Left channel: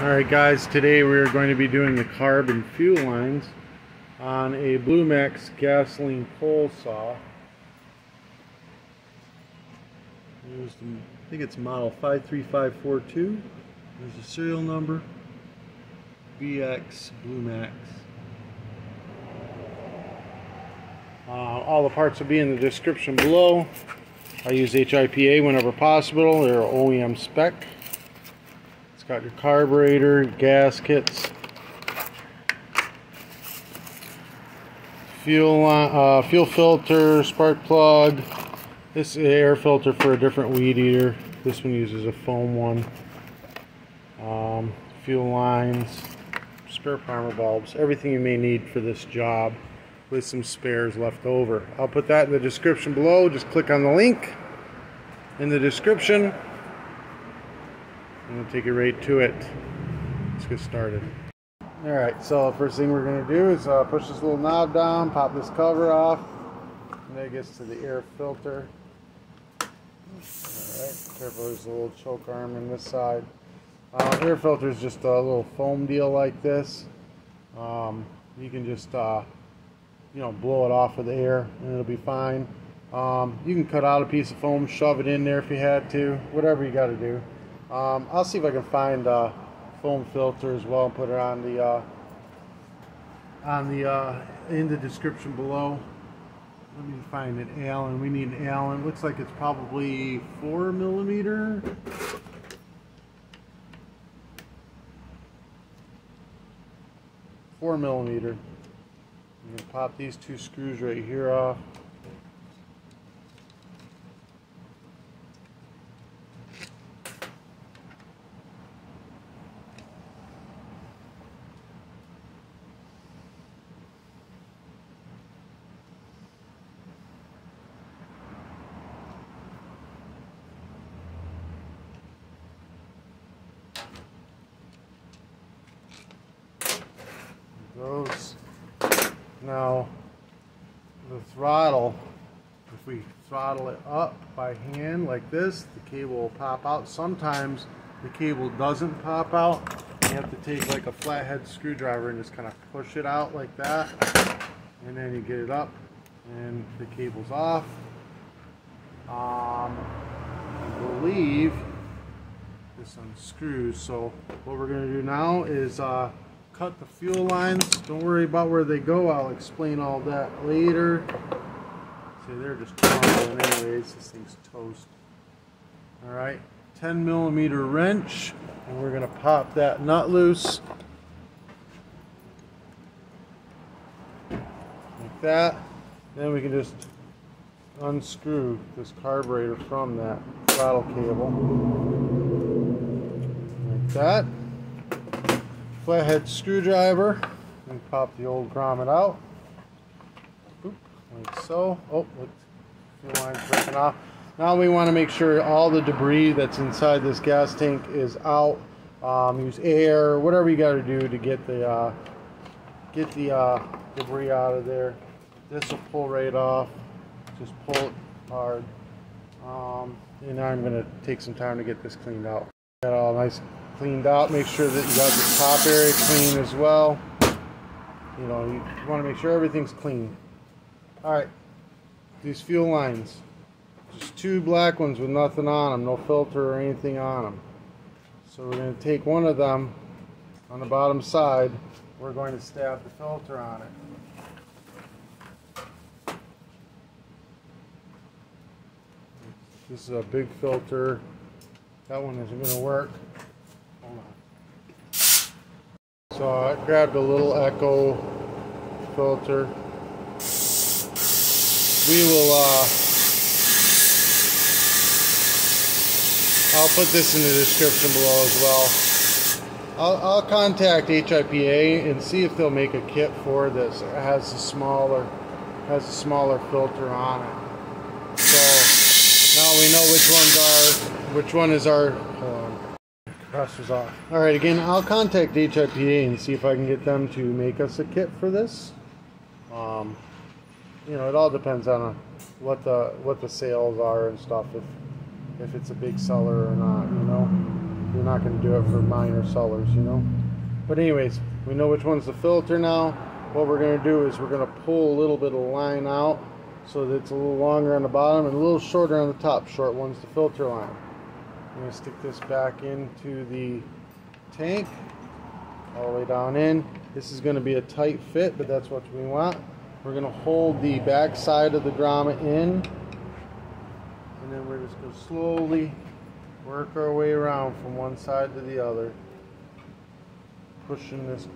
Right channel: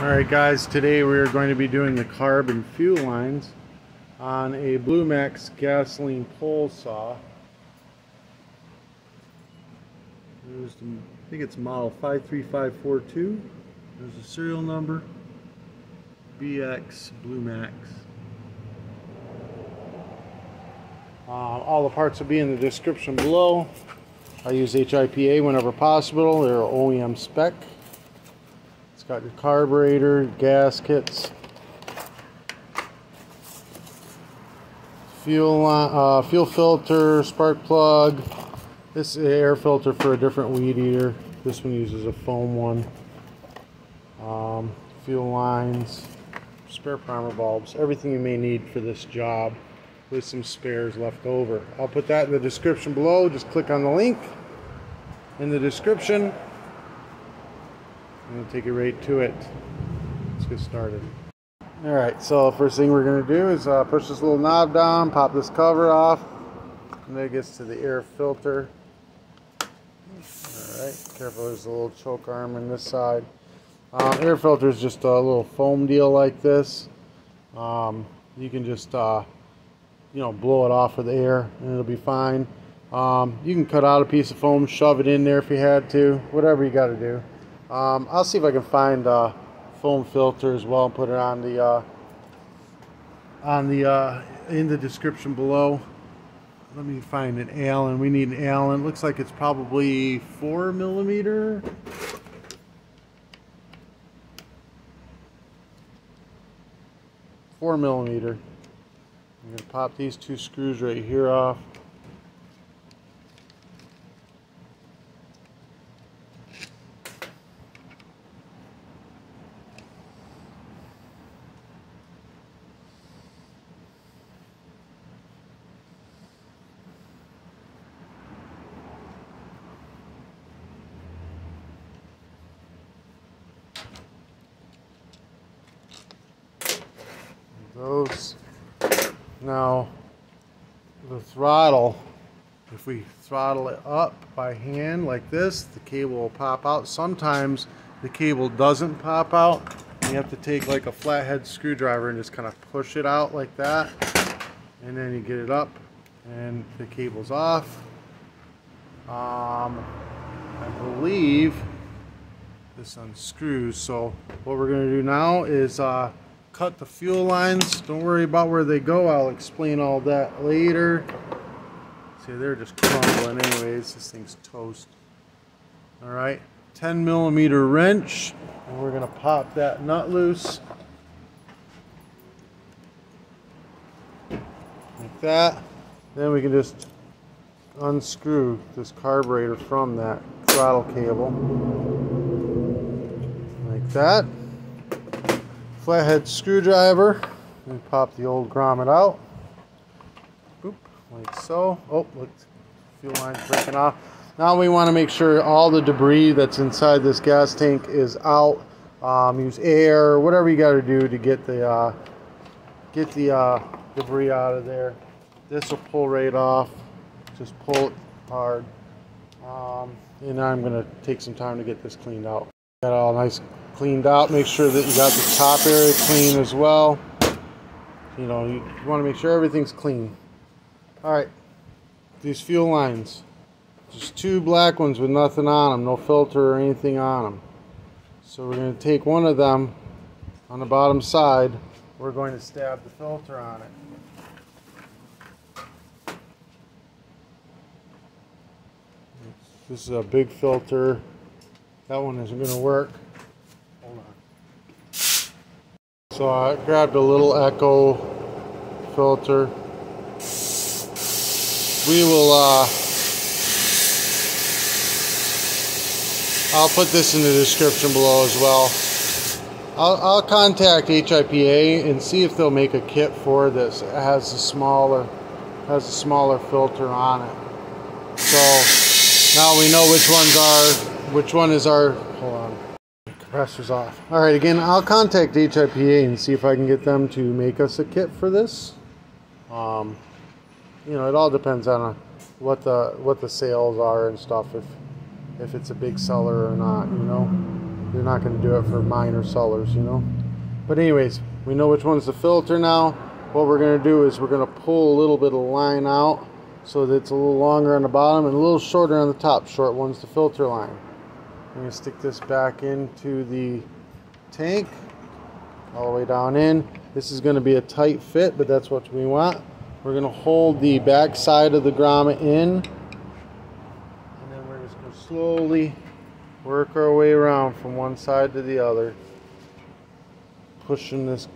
Alright guys, today we are going to be doing the carb and fuel lines on a Blue Max gasoline pole saw. I think it's model 53542. There's a serial number, BX Blue Max. All the parts will be in the description below. I use HIPA whenever possible. They're OEM spec. It's got your carburetor, gaskets, fuel filter, spark plug. This is an air filter for a different weed eater. This one uses a foam one. Fuel lines, spare primer bulbs, everything you may need for this job, with some spares left over. I'll put that in the description below. Just click on the link in the description and it'll take you right to it. Let's get started. Alright, so first thing we're going to do is push this little knob down, pop this cover off, and then it gets to the air filter. Alright, careful, there's a little choke arm on this side. Air filter is just a little foam deal like this. You can just blow it off with air and it'll be fine. You can cut out a piece of foam, shove it in there if you had to, whatever you got to do. I'll see if I can find a foam filter as well and put it on the in the description below. Let me find an Allen. We need an Allen. Looks like it's probably 4mm. 4mm. I'm going to pop these two screws right here off. Those. Now the throttle, if we throttle it up by hand like this, the cable will pop out. Sometimes the cable doesn't pop out. You have to take like a flathead screwdriver and just kind of push it out like that, and then you get it up and the cable's off. I believe this unscrews. So what we're going to do now is cut the fuel lines. Don't worry about where they go. I'll explain all that later. See, they're just crumbling anyways. This thing's toast. Alright, 10mm wrench, and we're going to pop that nut loose. Like that. Then we can just unscrew this carburetor from that throttle cable. Like that. Flathead screwdriver, and pop the old grommet out. Boop, like so. Oh, look, fuel line's breaking off. Now we want to make sure all the debris that's inside this gas tank is out. Use air or whatever you got to do to get the debris out of there. This will pull right off. Just pull it hard. And I'm going to take some time to get this cleaned out. Got it all nice cleaned out. Make sure that you got the top area clean as well. You want to make sure everything's clean. Alright, these fuel lines, just two black ones with nothing on them, no filter or anything on them. So we're going to take one of them on the bottom side. We're going to stab the filter on it. This is a big filter. That one isn't going to work. So I grabbed a little Echo filter. We will, I'll put this in the description below as well. I'll contact HIPA and see if they'll make a kit for this. It has a smaller filter on it. So now we know which one is our, hold on. Compressor's off. Alright, again, I'll contact HIPA and see if I can get them to make us a kit for this. It all depends on what the sales are and stuff, if it's a big seller or not, You're not going to do it for minor sellers, you know. But anyways, we know which one's the filter now. What we're going to do is we're going to pull a little bit of line out so that it's a little longer on the bottom and a little shorter on the top. Short one's the filter line. I'm going to stick this back into the tank, all the way down in. This is going to be a tight fit, but that's what we want. We're going to hold the back side of the grommet in, and then we're just going to slowly work our way around from one side to the other, pushing this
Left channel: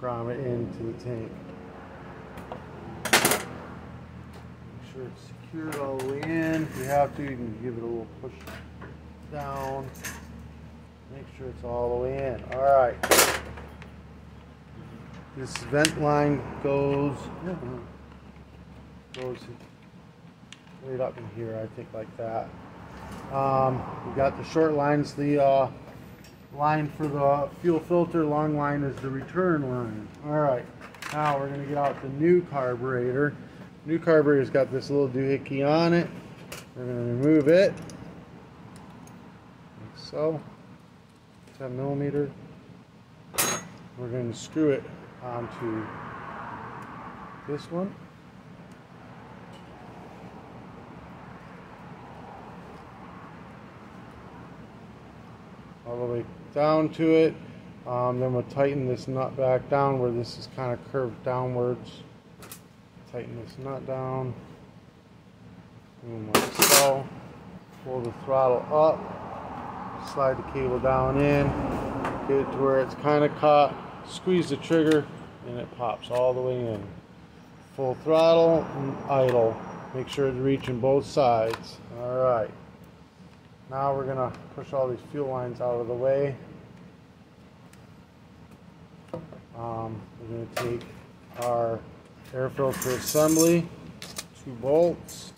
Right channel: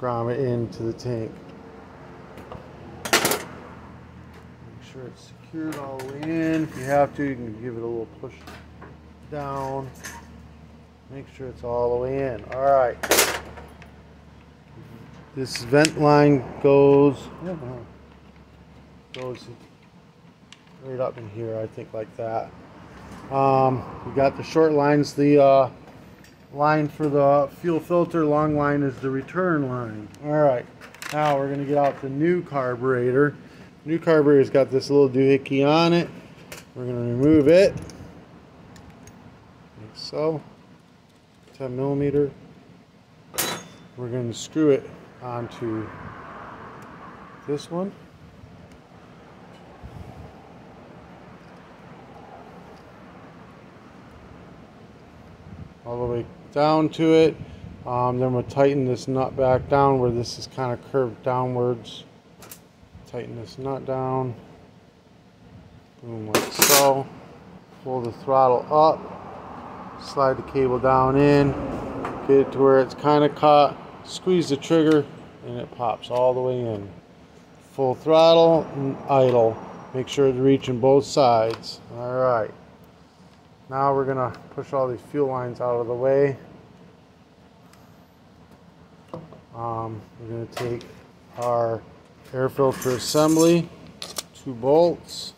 grommet into the tank. Make sure it's secured all the way in. If you have to, you can give it a little push down. Make sure it's all the way in. Alright. This vent line goes right up in here, I think, like that. We got the short lines, the line for the fuel filter, long line is the return line. Alright, now we're going to get out the new carburetor. New carburetor's got this little doohickey on it. We're going to remove it, like so, 10 millimeter. We're going to screw it onto this one. All the way down to it. Then we'll tighten this nut back down where this is kind of curved downwards. Tighten this nut down. Boom, like so. Pull the throttle up. Slide the cable down in. Get it to where it's kind of caught. Squeeze the trigger and it pops all the way in. Full throttle and idle. Make sure it's reaching both sides. Alright. Now we're going to push all these fuel lines out of the way. We're going to take our air filter assembly, 2 bolts,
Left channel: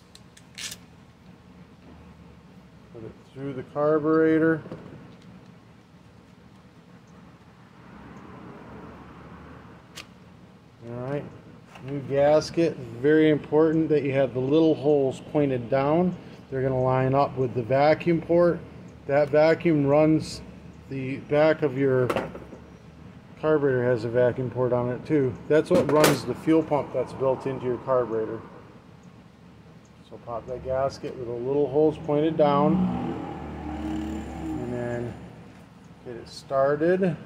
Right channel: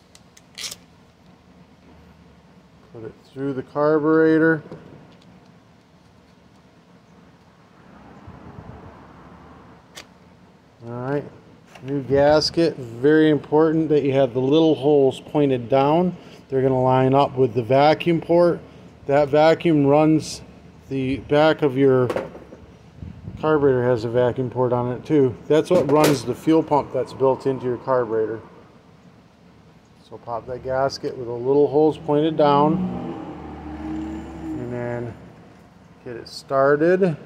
put it through the carburetor. Alright, new gasket. Very important that you have the little holes pointed down. They're going to line up with the vacuum port. That vacuum runs the back of your carburetor, has a vacuum port on it too. That's what runs the fuel pump that's built into your carburetor. So pop that gasket with the little holes pointed down and then get it started.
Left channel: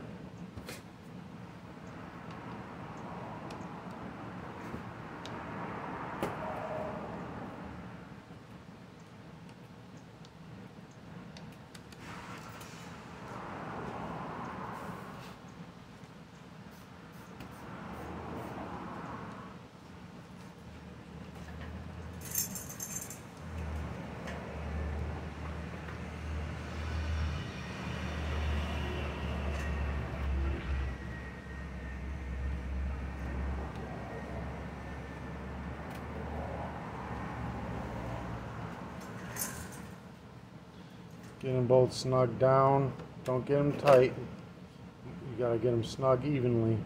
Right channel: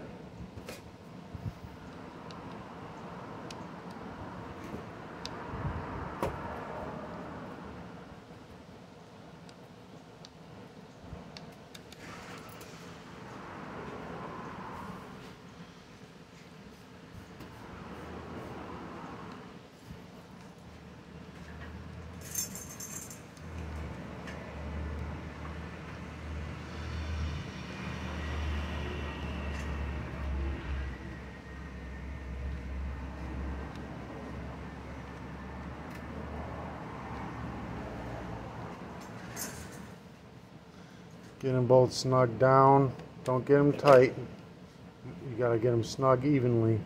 Get them both snug down. Don't get them tight. You gotta get them snug evenly.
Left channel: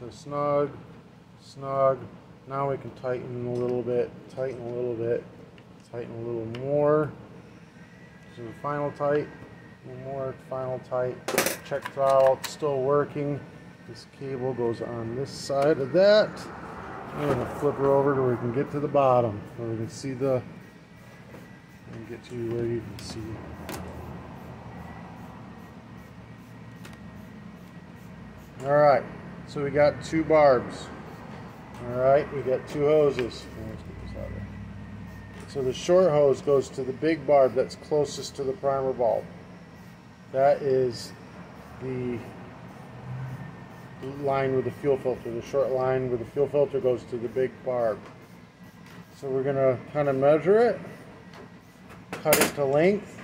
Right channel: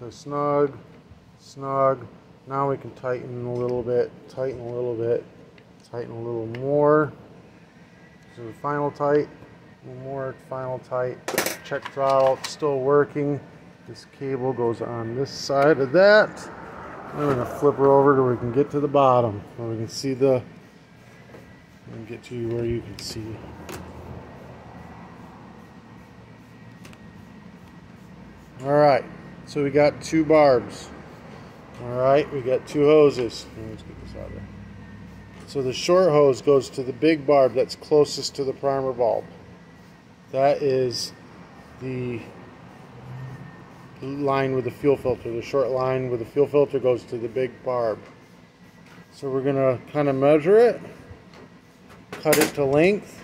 So snug, snug. Now we can tighten a little bit, tighten a little bit, tighten a little more. So the final tight, a little more, final tight. Check throttle, it's still working. This cable goes on this side of that. I'm gonna flip her over so we can get to the bottom, where we can see the, and get to where you can see. Alright, so we got 2 barbs. Alright, we got 2 hoses. Let's get this out of there. So the short hose goes to the big barb that's closest to the primer bulb. That is the line with the fuel filter. The short line with the fuel filter goes to the big barb. So we're going to kind of measure it, cut it to length,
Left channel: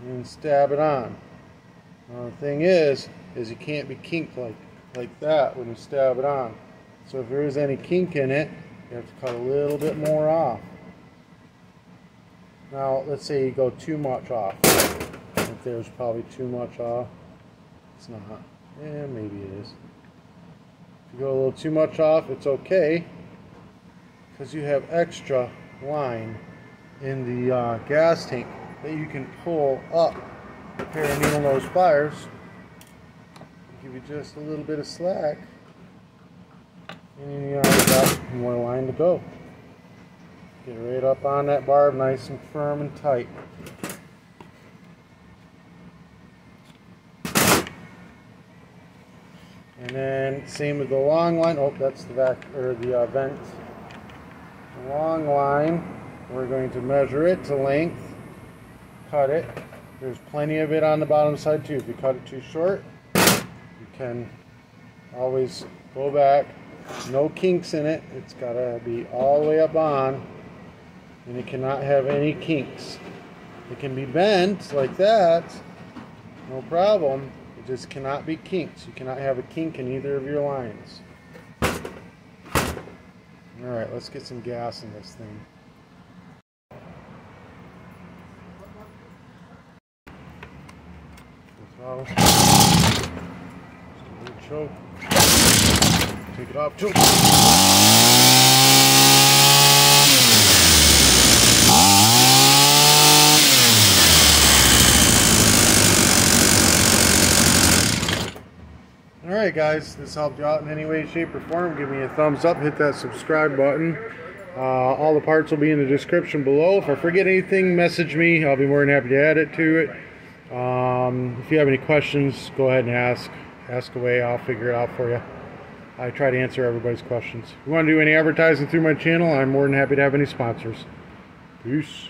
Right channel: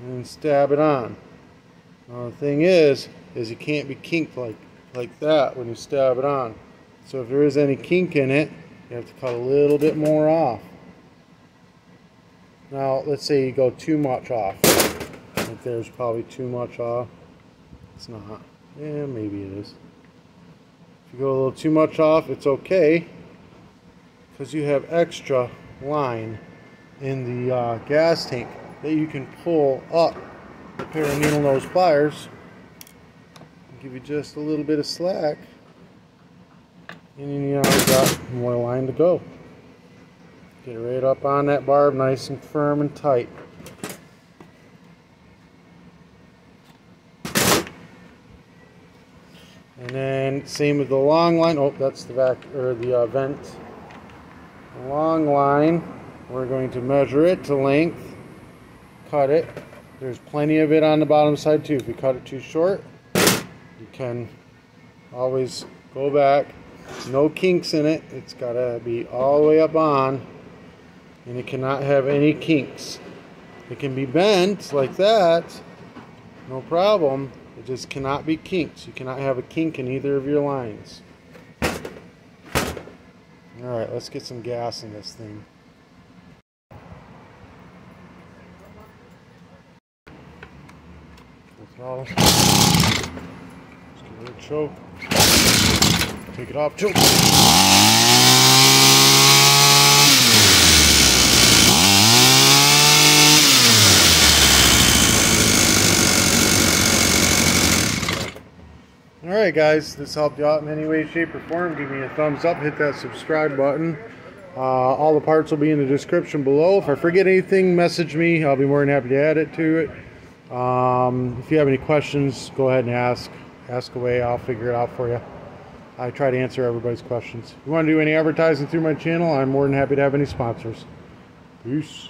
and stab it on. Now the thing is you can't be kinked like that when you stab it on. So if there is any kink in it, you have to cut a little bit more off. Now let's say you go too much off. I think there's probably too much off. It's not. Yeah, maybe it is. If you go a little too much off, it's okay, because you have extra line in the gas tank. that you can pull up a pair of needle nose pliers, give you just a little bit of slack, and you know you got more line to go. Get it right up on that barb, nice and firm and tight. And then same with the long line. Oh, that's the back or the vent. The long line, we're going to measure it to length, cut it. There's plenty of it on the bottom side too. If you cut it too short, you can always go back. No kinks in it. It's got to be all the way up on, and it cannot have any kinks. It can be bent like that, no problem. It just cannot be kinks. You cannot have a kink in either of your lines. Alright, let's get some gas in this thing. Full throttle. Just a little choke. Take it off, choke. Alright guys, this helped you out in any way, shape, or form. Give me a thumbs up, hit that subscribe button. All the parts will be in the description below. If I forget anything, message me. I'll be more than happy to add it to it. If you have any questions, go ahead and ask away. I'll figure it out for you. I try to answer everybody's questions. If you want to do any advertising through my channel, I'm more than happy to have any sponsors. Peace.